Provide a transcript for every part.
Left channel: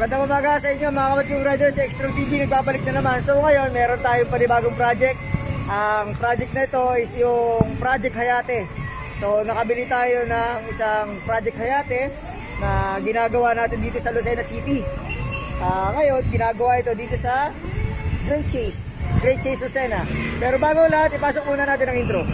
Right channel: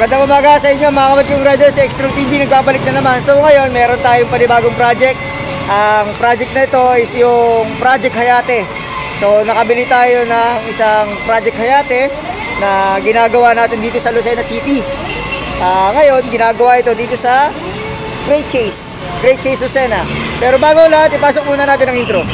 Magandang umaga sa inyo mga kapatid riders, sa Extreme TV nagbabalik na naman. So ngayon meron tayong panibagong project. Ang project na ito is yung Project Hayate. So nakabili tayo ng isang Project Hayate na ginagawa natin dito sa Lucena City. Ngayon ginagawa ito dito sa Great Chase Lucena. Pero bago lahat, ipasok muna natin ang intro.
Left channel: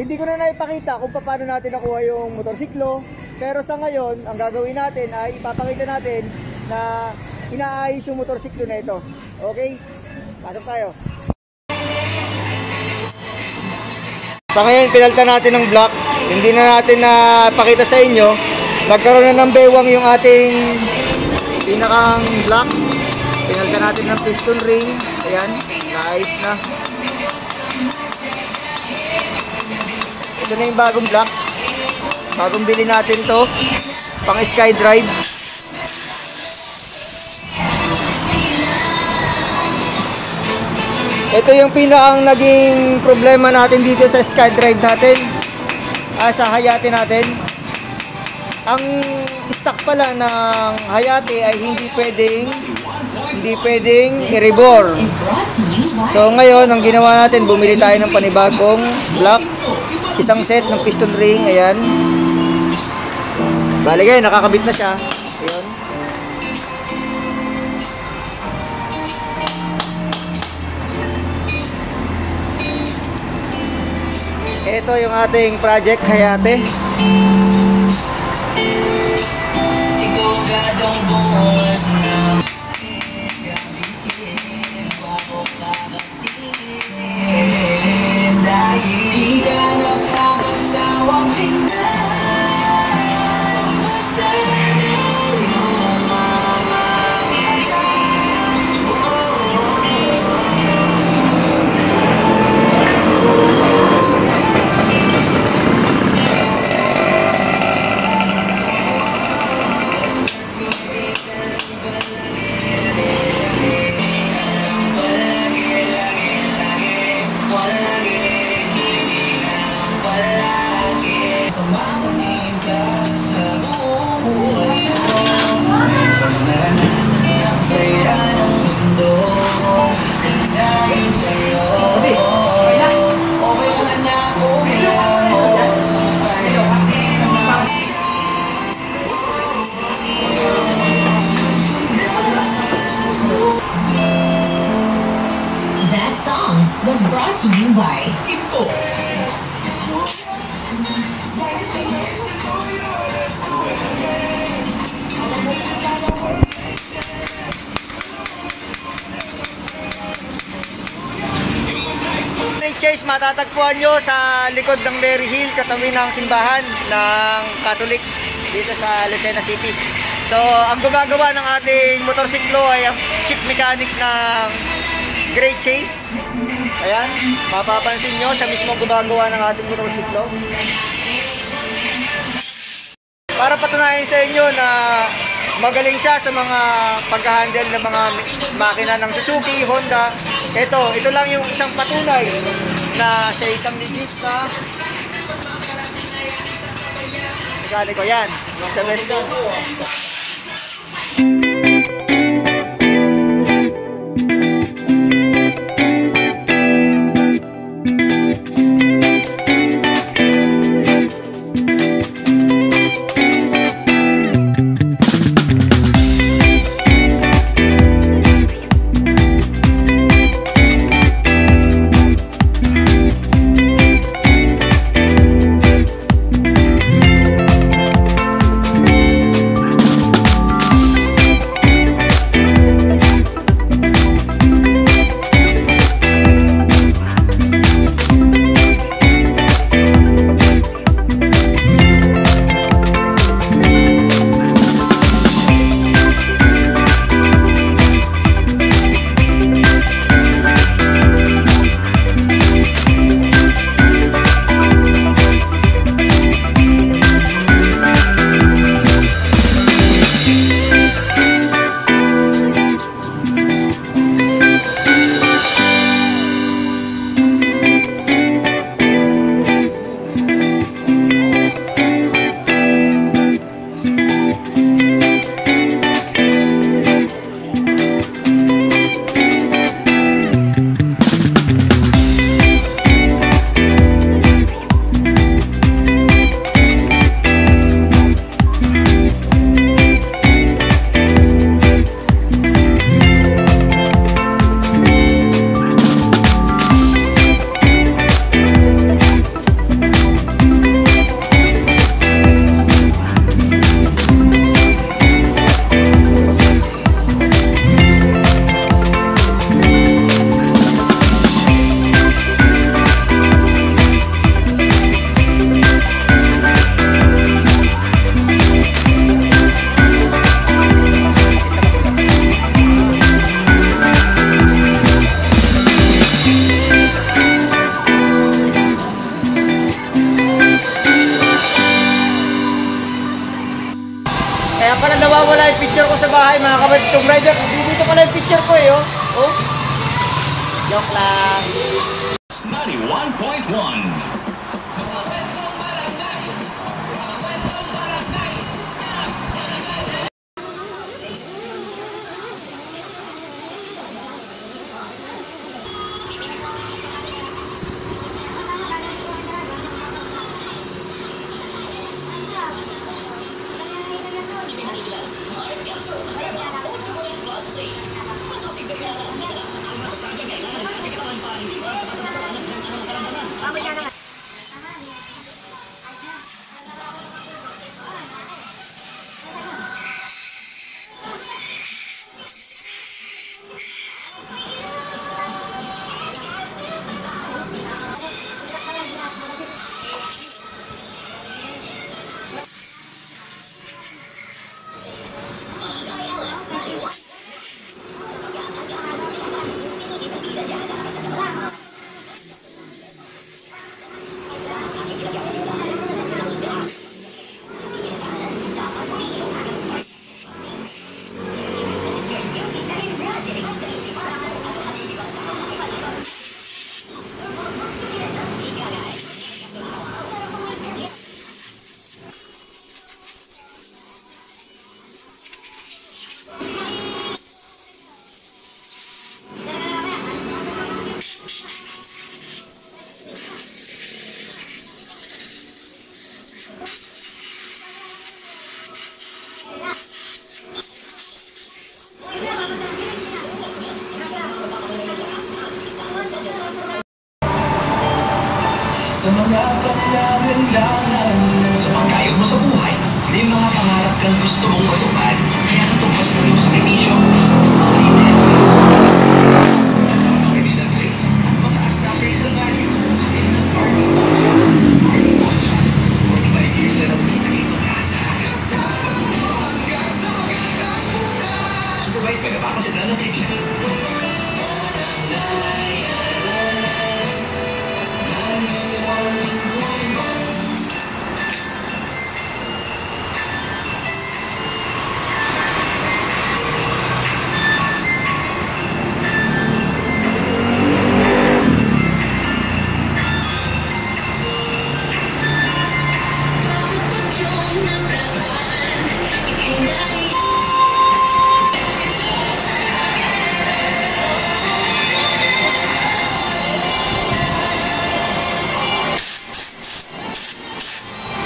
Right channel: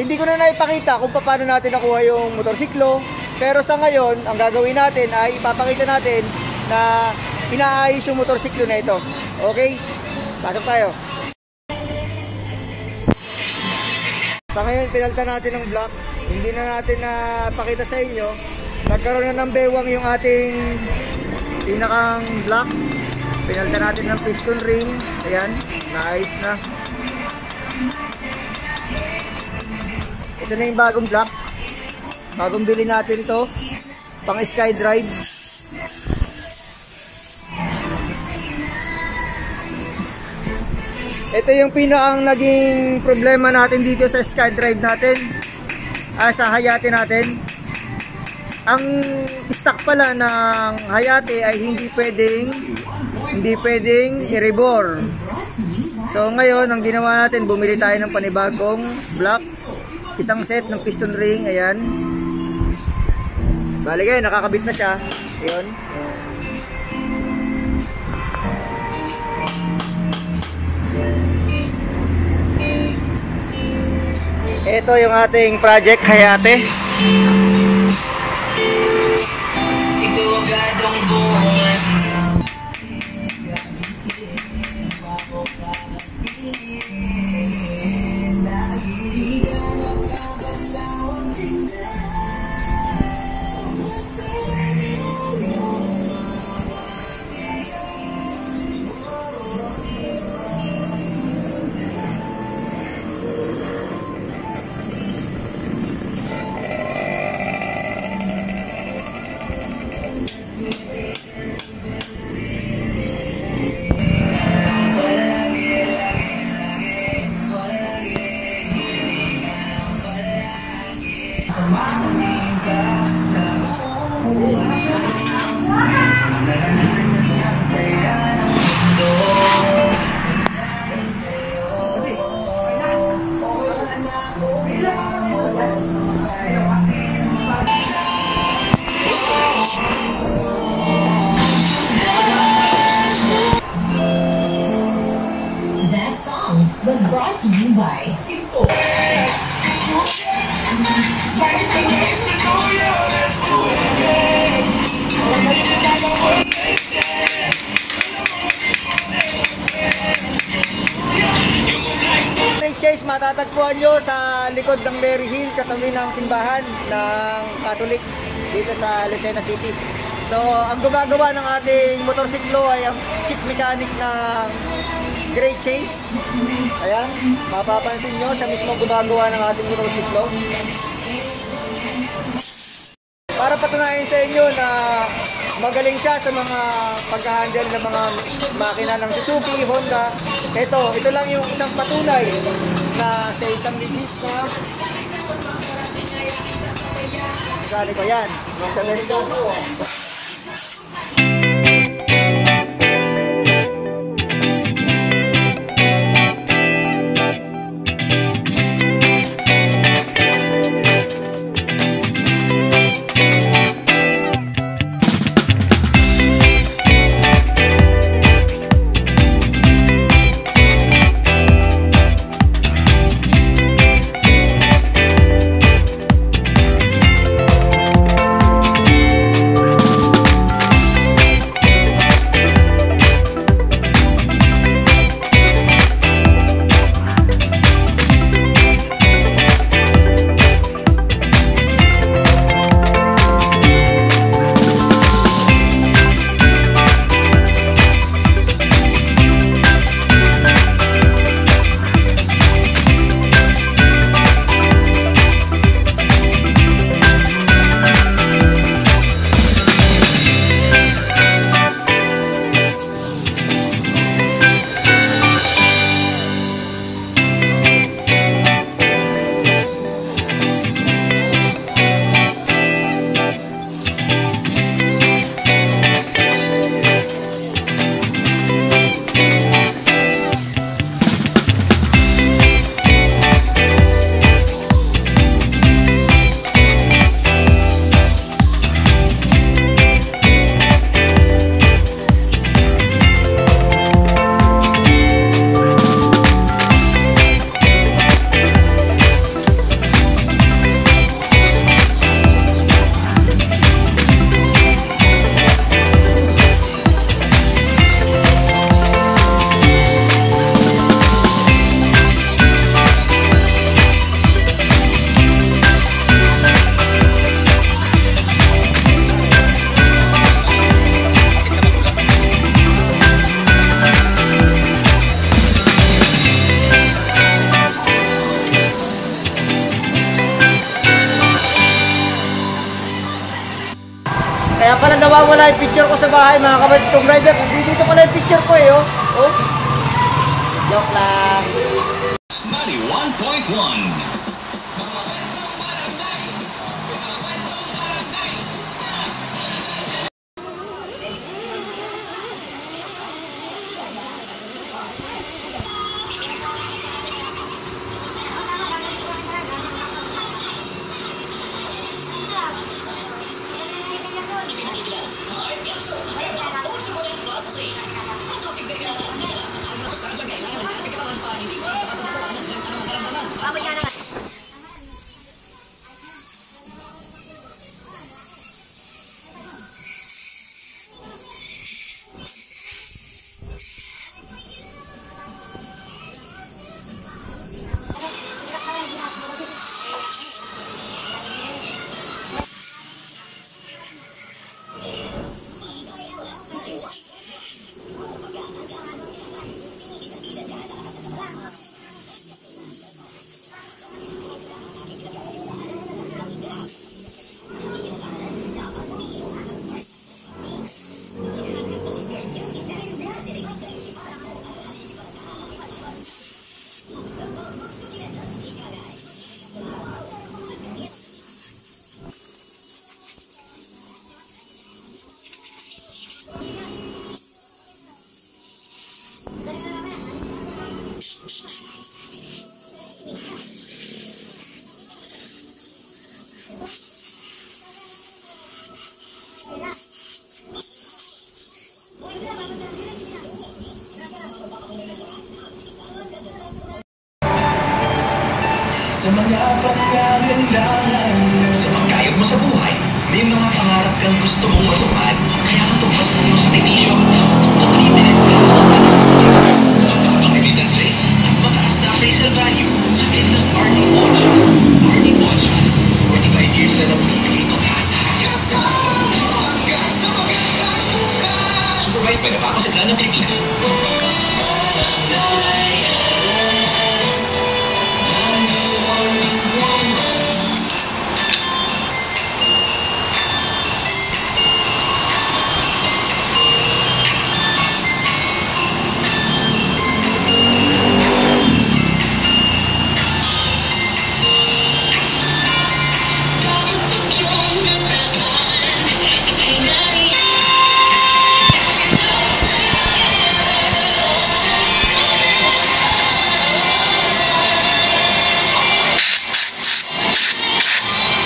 Hindi ko na naipakita kung paano natin nakuha yung motorsiklo, pero sa ngayon, ang gagawin natin ay ipapakita natin na inaayos yung motorsiklo na ito. Okay? Pasok tayo. Sa ngayon, pinalitan natin ng block. Hindi na natin napakita sa inyo. Nagkaroon na ng bewang yung ating pinakang block. Pinalitan natin ng piston ring. Ayan, naayos na. Ito na yung bagong block. Bagong bili natin to, pang SkyDrive. Ito yung pinakang naging problema natin dito sa SkyDrive natin, sa Hayate natin. Ang stock pala ng Hayate ay hindi pwedeng i-rebore. So ngayon ang ginawa natin, bumili tayo ng panibagong block, isang set ng piston ring. Ayan, baligay, nakakabit na siya. Ayun. Ito yung ating Project Hayate. Was brought to you by Info. Chase, matatagpuan nyo sa likod ng Mary Hill, katabi ng simbahan ng Catholic dito sa Lucena City. So ang gumagawa ng ating motorsiklo ay ang chief mechanic ng Great Chase. Ayan, mapapansin nyo, siya mismo gumagawa ng ating motorsiklo. Para patunayan sa inyo na magaling siya sa mga pag-handle ng mga makina ng Suzuki, Honda. Ito lang yung isang patunay na siya isang legit na mekaniko. Yan, sa Western. Kaya pala nawawala yung picture ko sa bahay mga kabaditong rider. Dito pala yung picture ko oh. Oh. Joke lang. 91.1 Sa mga pagkagailangan, sa pagkayod mo sa buhay, may mga pangarap kang gusto mong matupad. Kaya natumbas mo yung sakripisyo. Makalitin, ang evidence rates, mataas na appraisal value, at ng Arnie Watch. Arnie Watch, 45 years na nagbibigay pag-asa. Supervised by napapasadla ng Pilipinas.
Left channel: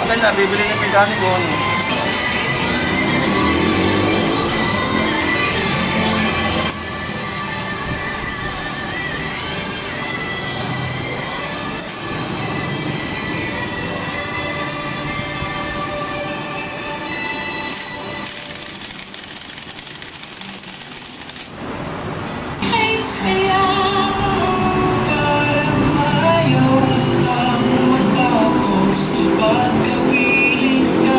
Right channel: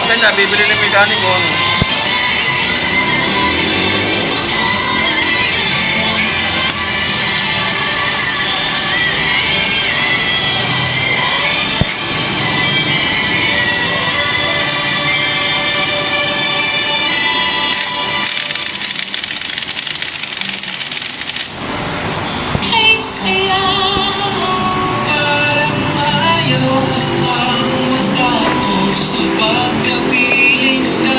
Patay na, bibili ng mekaniko. Pagkapiling ka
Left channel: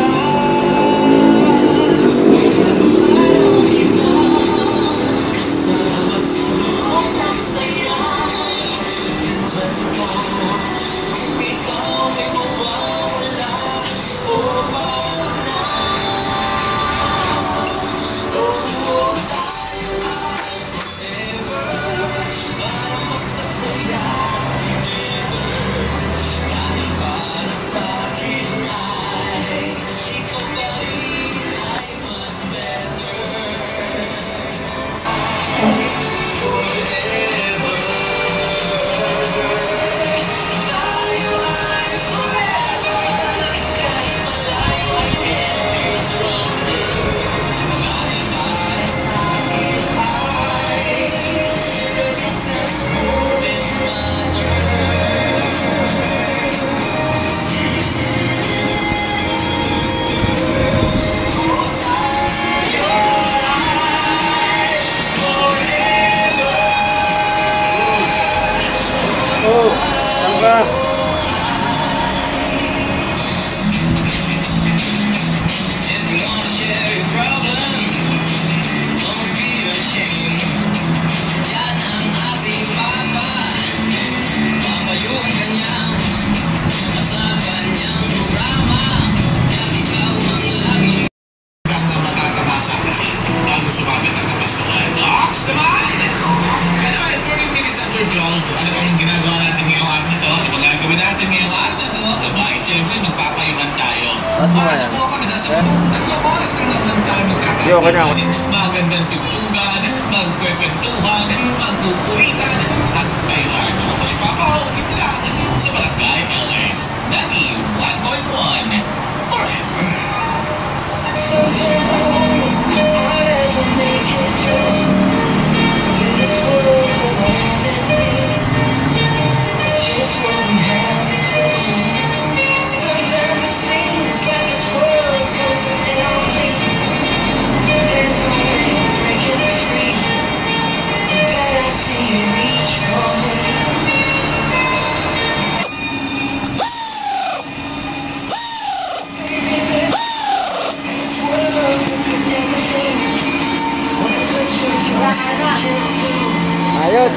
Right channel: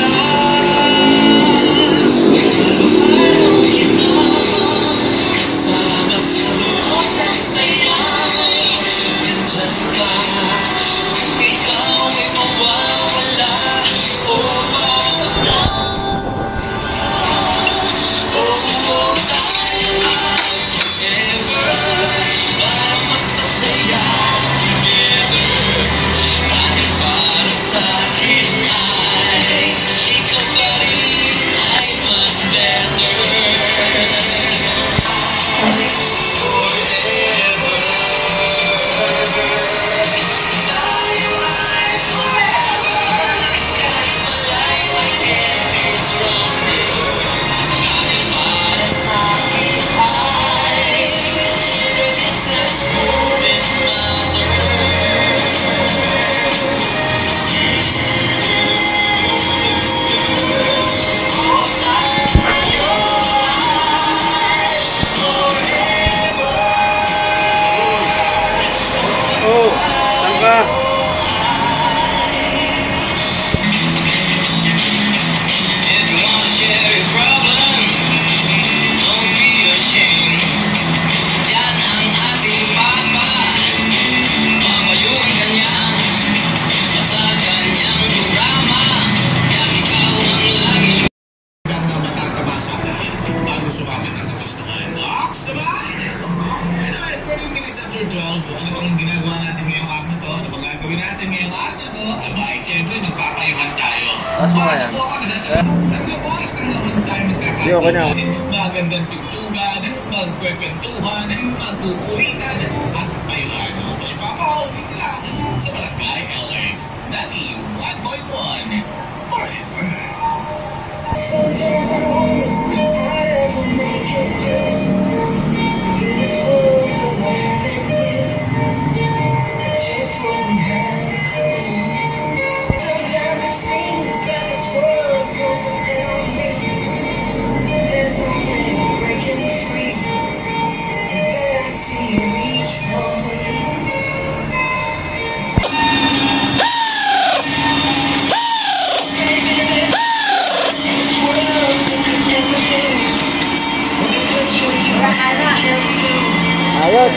pa. Ano bang ginagawa natin ngayong araw na to? Ano bang gagawin natin ngayong araw na to? Abay, siyempre, magpapayuhan tayo. Tapos mo yan. Tatlong oras lang naman tayo magkakaroon. Yo, kanya. Magandang tugtugan, magkwekwentuhan, magkukulitan, at payuhan. Ako si Papa Ho, dito lang sa Barangay LS. Nani 1.1 forever. Sometimes I wonder if I'd ever make it through this world of enemy. Just what we have to do. Sometimes it seems like this world's closing in on me. There's no way of breaking free. But I see you reach for me. Ayos.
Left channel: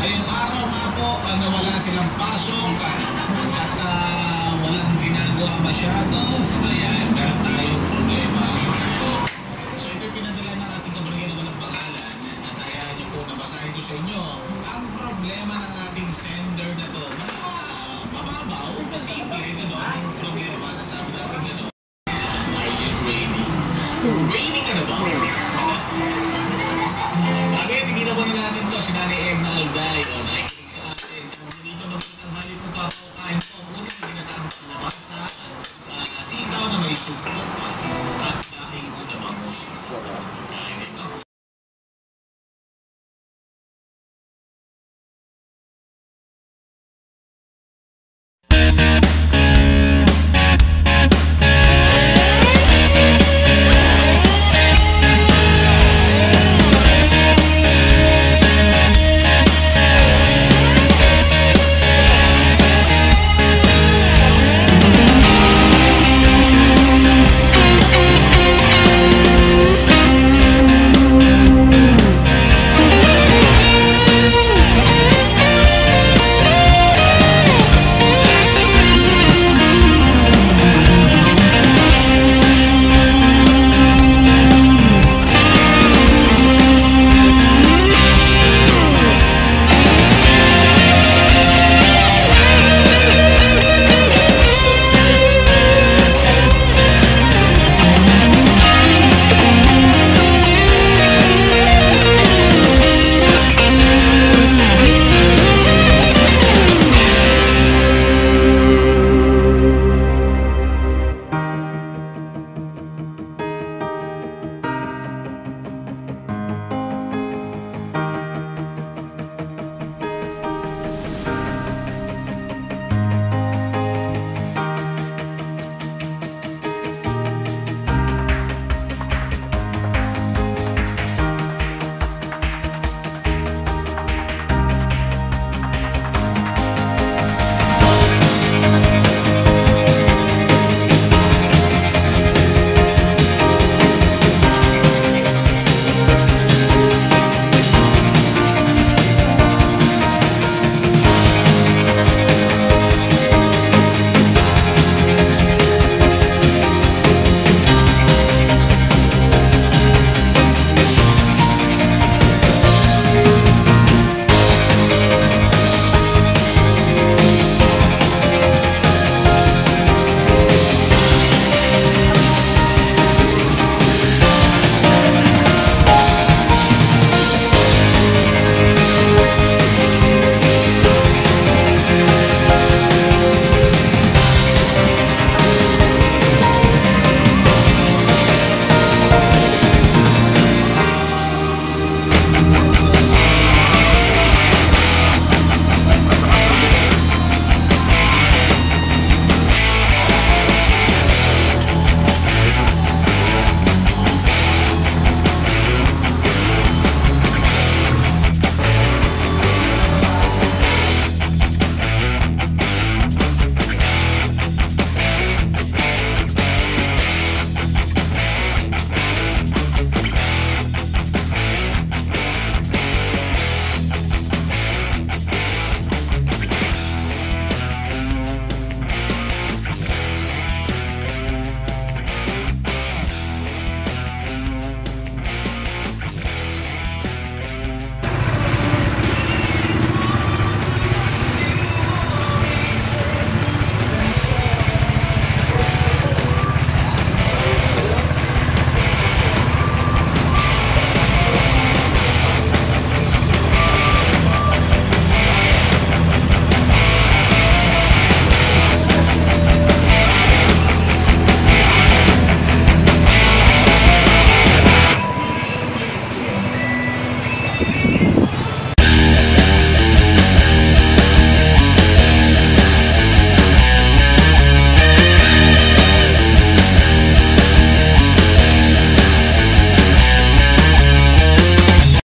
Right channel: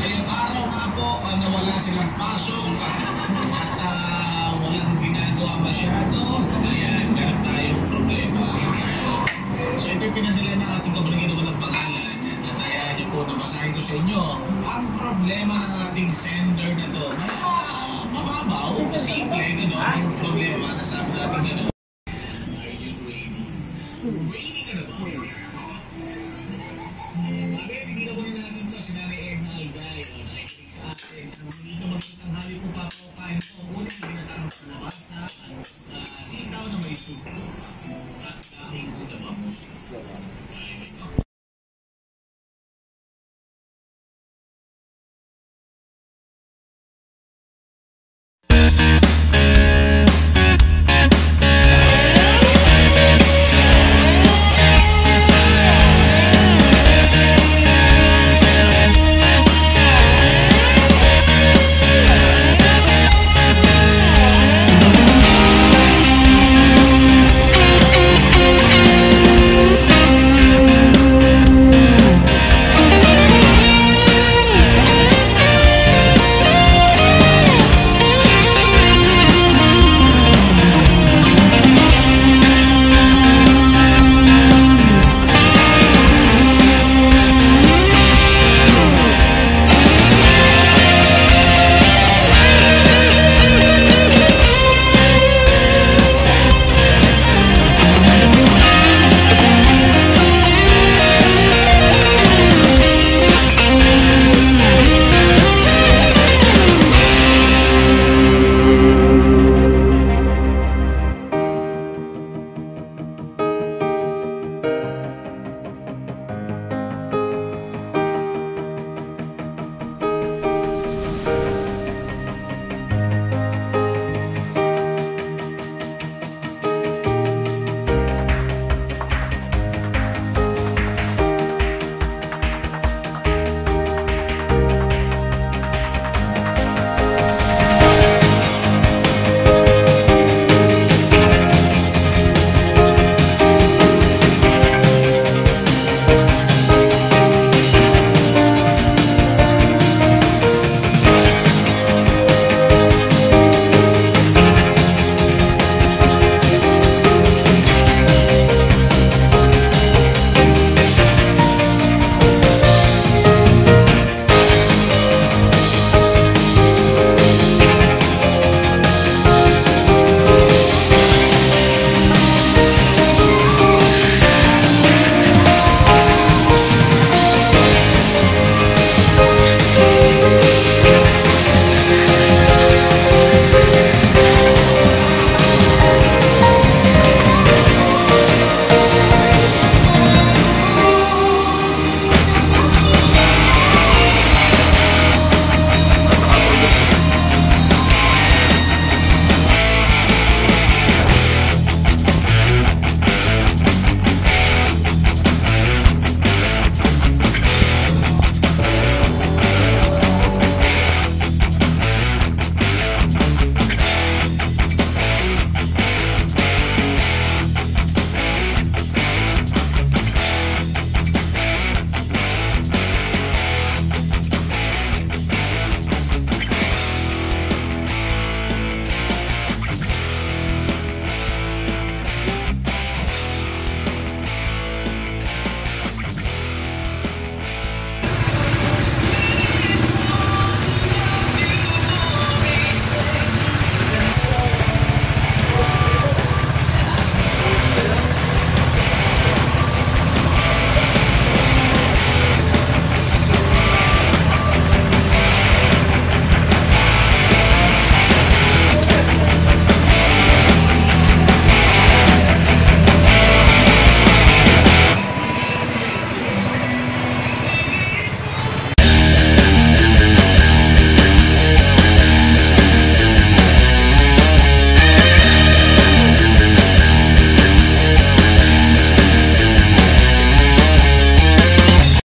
Ngayong araw nga po, nawala silang pasok at walang ginagawa masyado. Ayan, meron tayong problema. So ito pinadala ng ating kabalangin ng pangalan at ayahan niyo po nabasahin ko sa inyo ang problema ng ating sender na to. Mababaw, simple, gano'n. Ang problema, sasabi natin gano'n. Are you ready? Ready ka na ba? may suporta at dahil ko naman po siya sa